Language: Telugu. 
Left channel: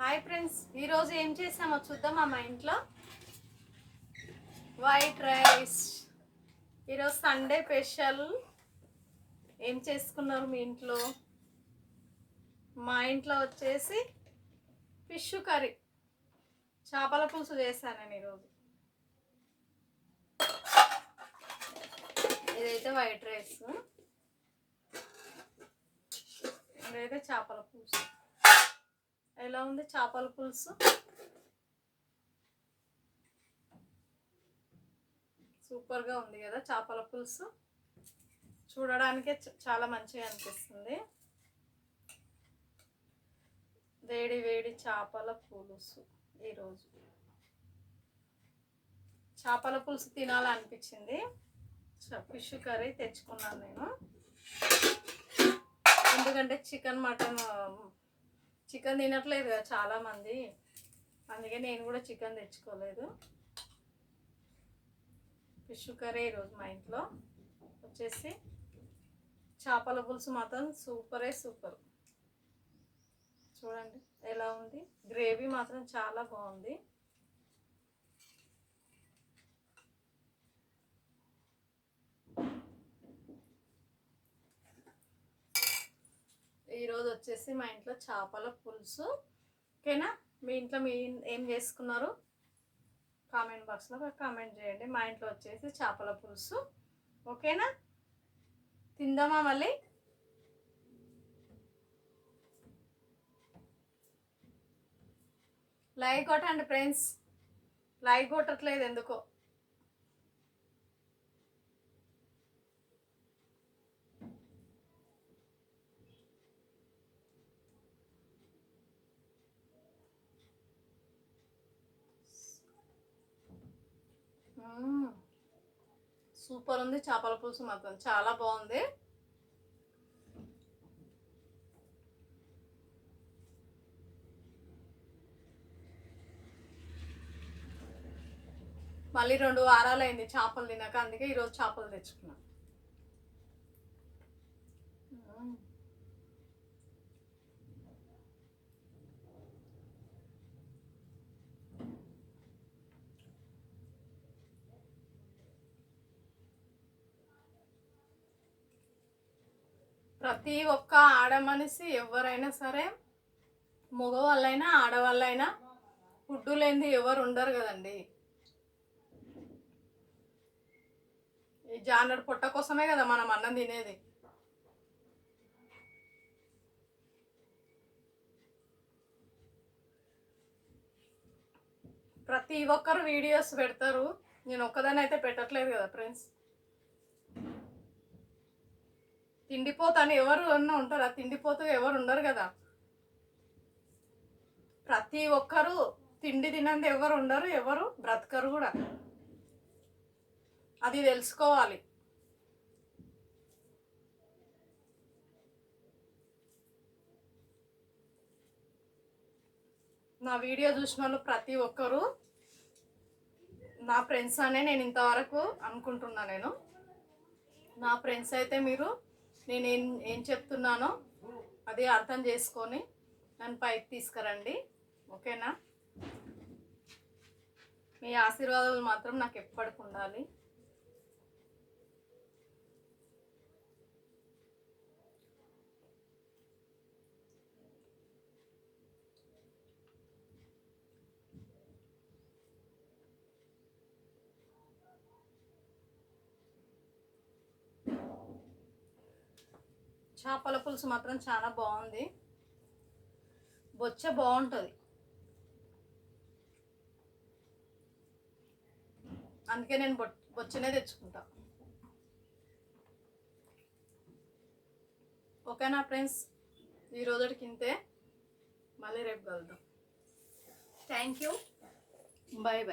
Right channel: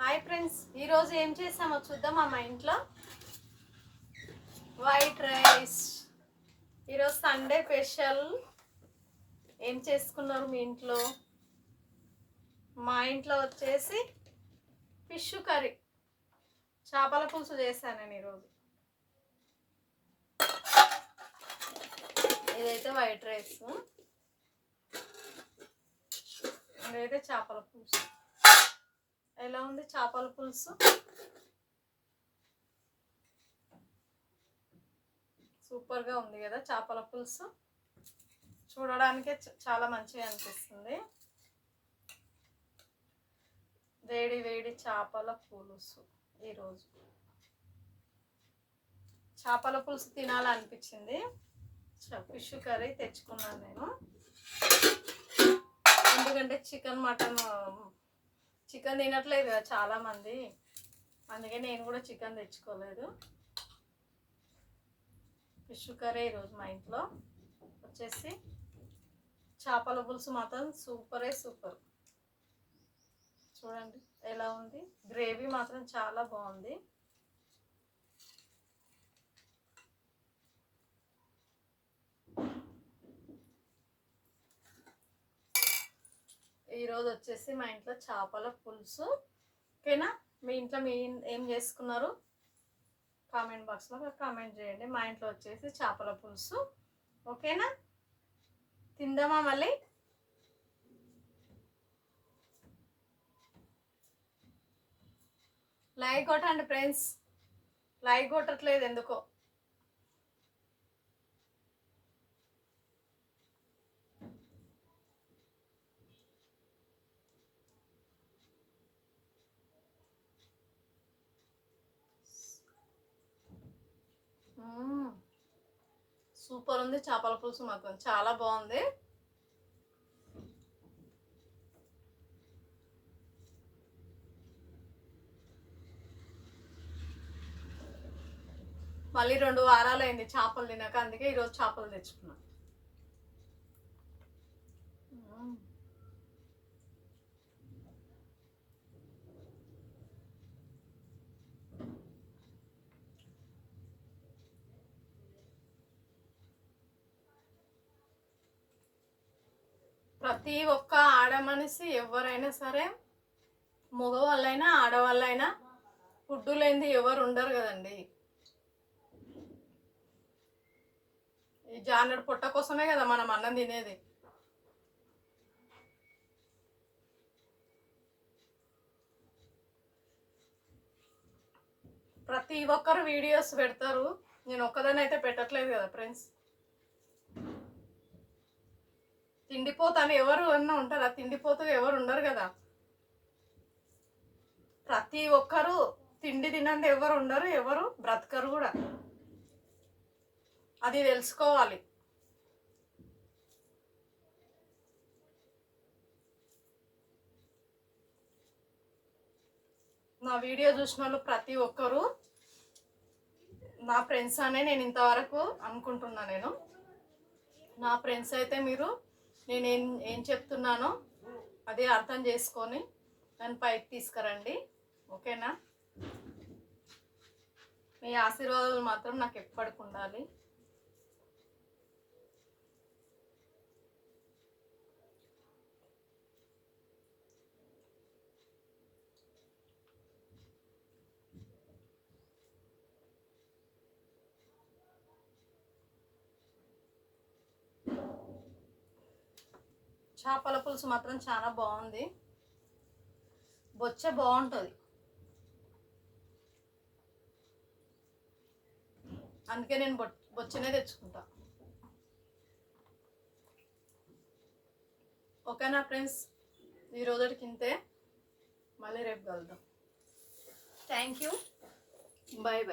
హాయ్ ఫ్రెండ్స్, ఈరోజు ఏం చేసామో చూద్దామా? మా ఇంట్లో వైట్ రైస్. ఈరోజు సండే స్పెషల్. ఏం చేసుకున్నారు మీ ఇంట్లో? మా ఇంట్లో వచ్చేసి ఫిష్ కర్రీ, చేపల పులుసు చేశాను నేను ఈరోజు. ఇదైతే వైట్ రైస్, ఇదైతే చేపల పులుసు. ఎలా ఉంది చేపల పులుసు? సూపర్గా ఉంది కదా చేపల పులుసు. చూడడానికే చాలా మంచిగా అనిపిస్తుంది. వేడి వేడి చేపల పులుసు. ఈరోజు చేపల పులుసు తినాలనిపించింది. ఫిష్ కర్రీ తెచ్చుకున్నాను నేను, ఎందుకంటే చికెన్ తినట్లేదు కదా చాలామంది, అందుకే నేను కూడా చికెన్ తెచ్చుకోలేదు. ఫిష్ కర్రీ ఈరోజు మా ఇంట్లో వచ్చేసి. చేపల పులుసు మాత్రం సూపర్. చూడండి ఎలా ఉంది, గ్రేవీ మాత్రం చాలా బాగుంది. ఈరోజు వచ్చేసి మా ఇంట్లో చేపల పులుసు. ఓకేనా? మీ ఇంట్లో ఏం చేసుకున్నారు? కామెంట్ బాక్స్లో కామెంట్ చేయండి. మా ఇంట్లో వచ్చేసి చేపల పులుసు. ఓకేనా? తిందామా మళ్ళీ? లైక్ కొట్టండి ఫ్రెండ్స్, లైక్ కొట్టట్లేదు ఎందుకో. సూపర్ ఉంది చేపల పులుసు, మాత్రం చాలా బాగుంది. మళ్ళీ 2 వారాలు అయింది చేపలు తినక, అందుకే ఈరోజు చేపలు తెచ్చుకున్నా. ప్రతి ఒక్క ఆడ మనిషి ఎవరైనా సరే, మగవాళ్ళైనా ఆడవాళ్ళైనా ఫుడ్డు లేనిది ఎవరు ఉండరు కదండి. ఈ జానడు పొట్ట కోసమే కదా మనం అన్నం తినేది. ప్రతి ఒక్కరు వీడియోస్ పెడతారు, నేను ఒక్కదాన్ని అయితే పెట్టట్లేదు కదా ఫ్రెండ్స్. తిండిపోతాను ఎవరు అన్నా ఉంటారా? తిండిపోతూ ఎవరు ఉండరు కదా. ప్రతి ఒక్కరు తిండి తినంది ఎవరు ఉండరు, ఎవరు బ్రతకరు కూడా. అది తెలుసుకోవాలి. నా వీడియో చూసిన వాళ్ళు ప్రతి ఒక్కరు నా ఫ్రెండ్స్ అనే నేను ఇంతవరకు అనుకుంటున్నా. నేను నా ఫ్రెండ్స్ అయితే మీరు నేను ఏం చెప్తున్నానో అది అర్థం చేసుకొని నన్ను పైకి తీసుకురండి. ఓకేనా? మీ ఆశీర్వాదాలు మాత్రం నాకు ఎప్పటికి ఉండాలి. చేపల పులుసు మాత్రం చాలా బాగుంది. బొచ్చ బాగుంటుంది, అందుకే నేను బొచ్చనే తెచ్చుకుంటా. ఓకేనా ఫ్రెండ్స్? ఈరోజుకి ఇంతే, మళ్ళీ రేపు కలుద్దాం. Thank you, bye.